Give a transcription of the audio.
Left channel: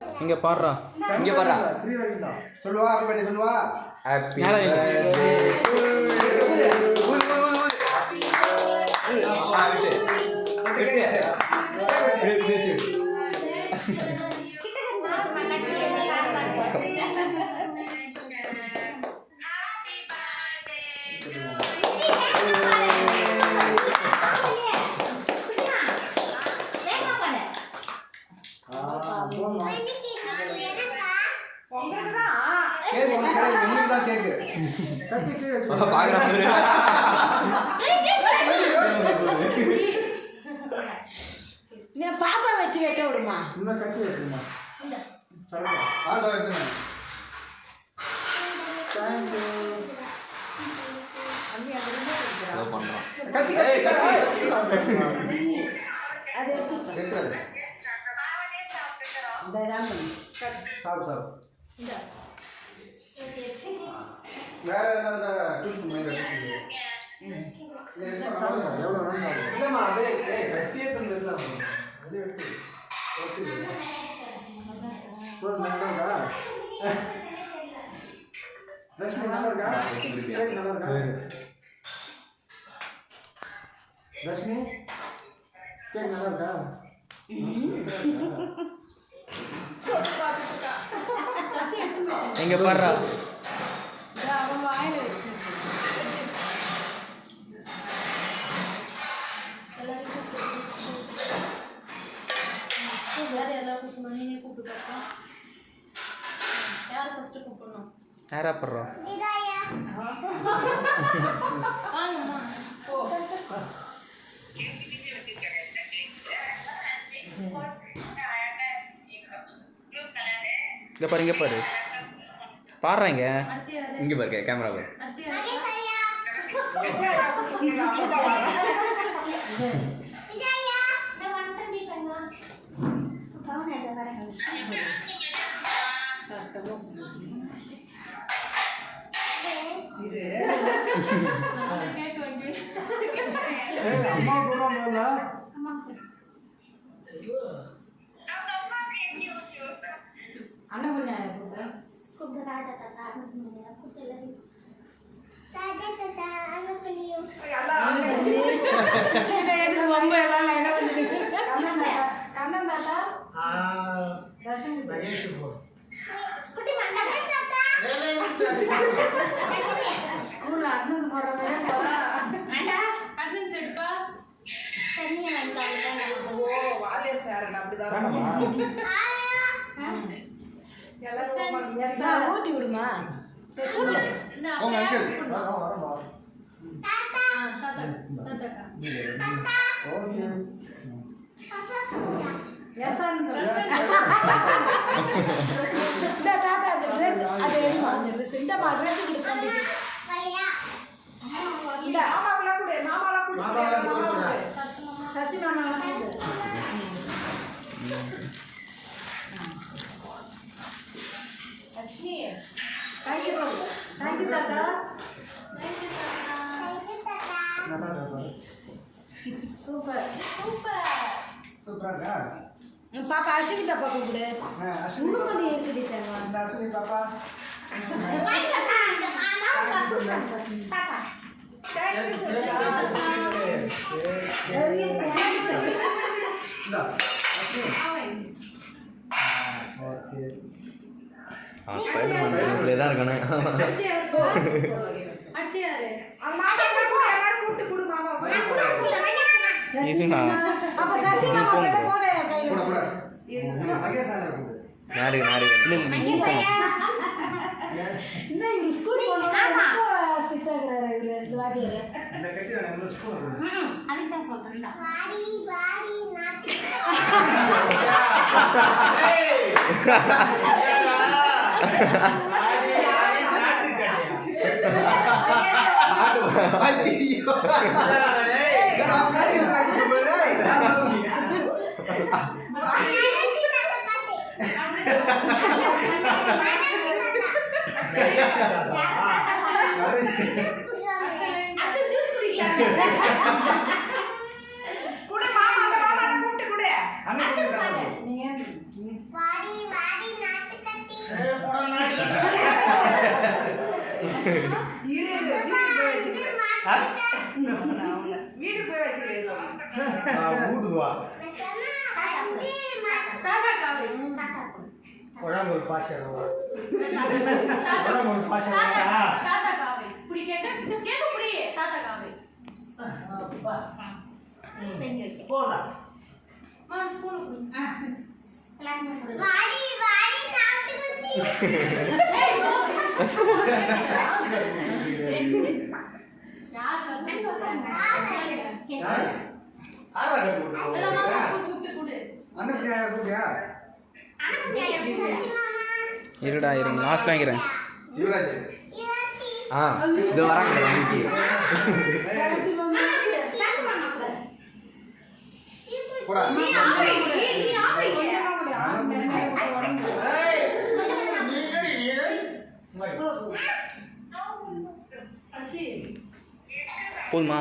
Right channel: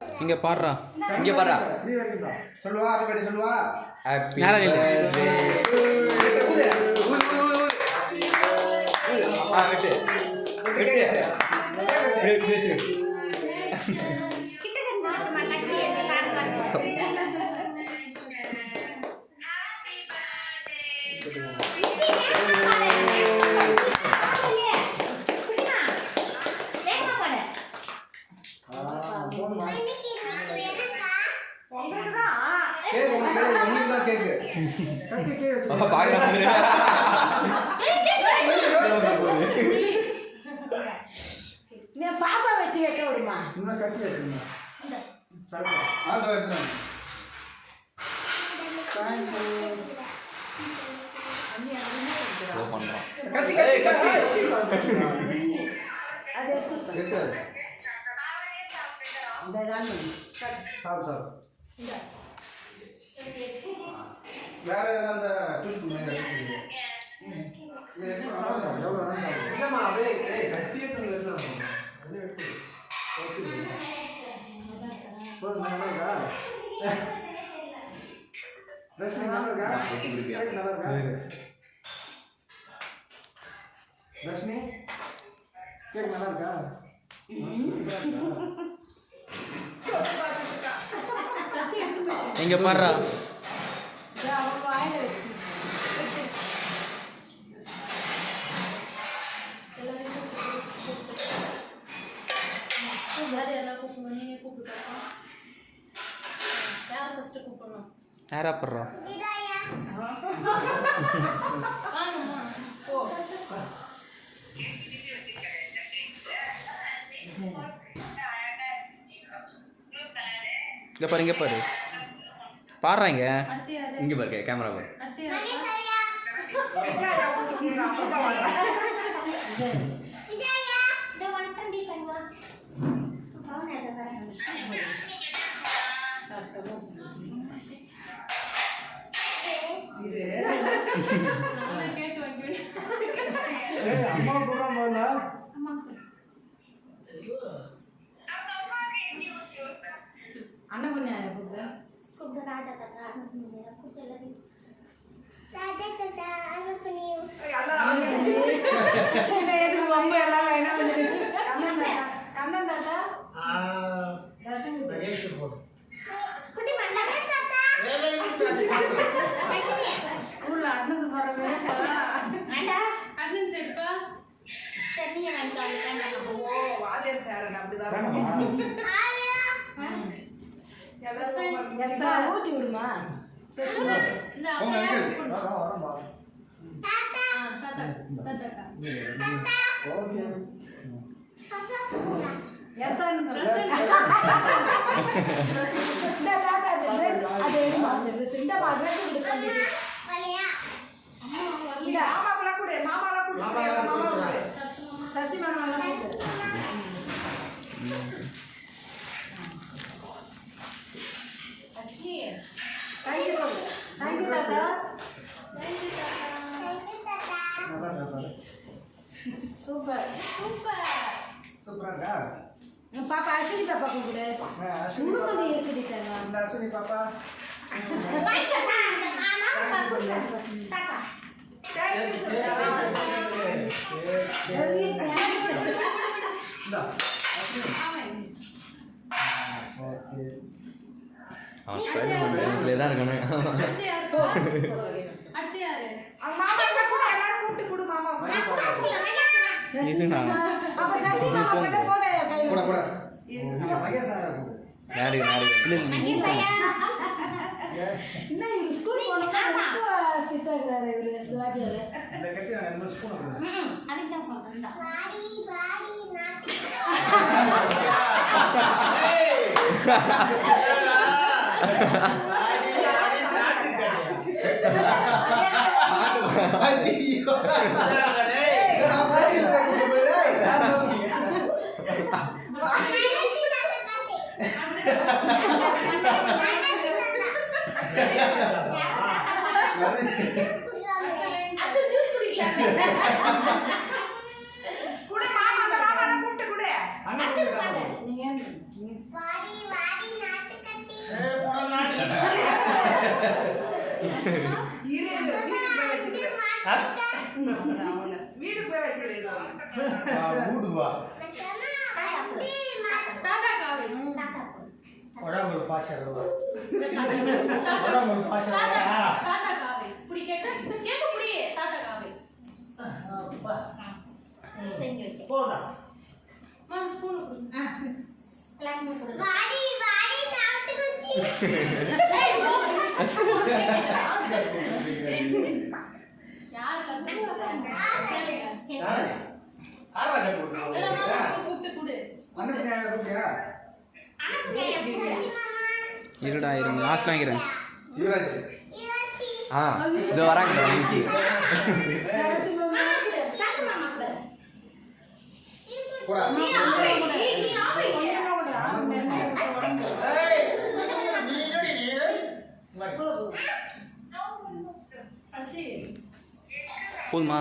இங்க பாடுறா, இங்க பாடுறா. 3 வரைக்கும் தான் சொல்லுவா. ஹாப்பி பர்த்டே சொல்லுவா. ஹாப்பி பாப்பா வச்சு வைக்க விடுமா? இன்னும் கட்டி வச்சுமா. சரி ஆதோ எடுத்து. லோ பண்றான். கத்தி கத்தி கத்தி. அது எடுத்து. இந்த தான் சாவு சாவு. இந்த வேற அந்த டூஸ் மேல இருக்கு. எவ்வளோ ரன் சாப்பிடுவோம்? இல்லம்மா அப்படியே கத்தியே தந்து எடுக்கலாம். அப்படியே எடுத்து. ஓகே. நல்லா இருக்கா? தர்ஷினி நல்லா இருக்கா? கேக் நல்லா இருக்கா? தர்ஷினி கேக் நல்லா இருக்கா? இங்க பாடுறா. யாரா படுறா? இங்க பாரு, இங்க பாரு, பாடுறாங்க. இங்க பாரு, கேமரா பாரு. அம்மா போடுறான் போல. அண்ணன் பண்ண கூப்பிட்டு கண்ணன் தாத்தா ஸ்கூல்ல அட்னன்ஸ் போடுறவங்க அட்னன்ஸ் எடுப்பா ஊட்டி விடுமா? உங்க அங்கிள் வரம்பா. எஸ்ஆன்னு சொல்லுங்க. சசி மாமாலாம் தேங்க்யூ சொல்லு. தேங்க்யூ தாத்தா. சூப்பர் சூப்பர் சூப்பரா. பாப்பா அஸ்வினி பாப்பா கூப்பிடு. அஸ்வினி முடுமுடி இருக்குது தாங்க. இந்த அஸ்வினி பாப்பா. பாப்பா அவன் ஸ்பைடர்மேன் இப்படியே தான் இருக்கானே. இதுண்ணா கூட கூட. மகேஷ் சார் கூட. நாடி நாடி இன்னும் ஸ்கூல் போனா ஸ்ட்ரிக்ட்டா இருக்காரு இவரு வாத்தியார். இந்த கட்டி நான் என்ன ஸ்கூல் அதுக்கு தான் சொல்றேன்டா. வாடி வாடி நாட்டு. அது ஜூஸ் குடிக்கலாம். குடு மாமா, அந்த மாமாவை கூப்பிட்டு குடு. நீங்க வாடி வாடி வீடு போய் வச்சுக்கிறேன் வீட்டுக்கு வா தாத்தா காவி உடம்பு ஒரு பாசம் தாத்தா உடம்பு ஒரு பாசம் தாத்தா காவி புடி கேக்கு புடி தாத்தா காவி போடா மா ஸ்பூன் புடி வாடி வாடி நாட்டு குச்சி ஏய் யார் கண்ணி வந்தாங்க யாரு ஆவாத போடு எல்லாம் மாமா கூப்பிட்டு குடு அனுப்பியா கூப்பியா இருடா இருங்க லாஸ்ட் வாங்கிறேன் யுவராஜ் ஆ இது வராங்க வாங்கி போடா நீ ஆமை நீ ஆமை ஏய் சசி போதுமா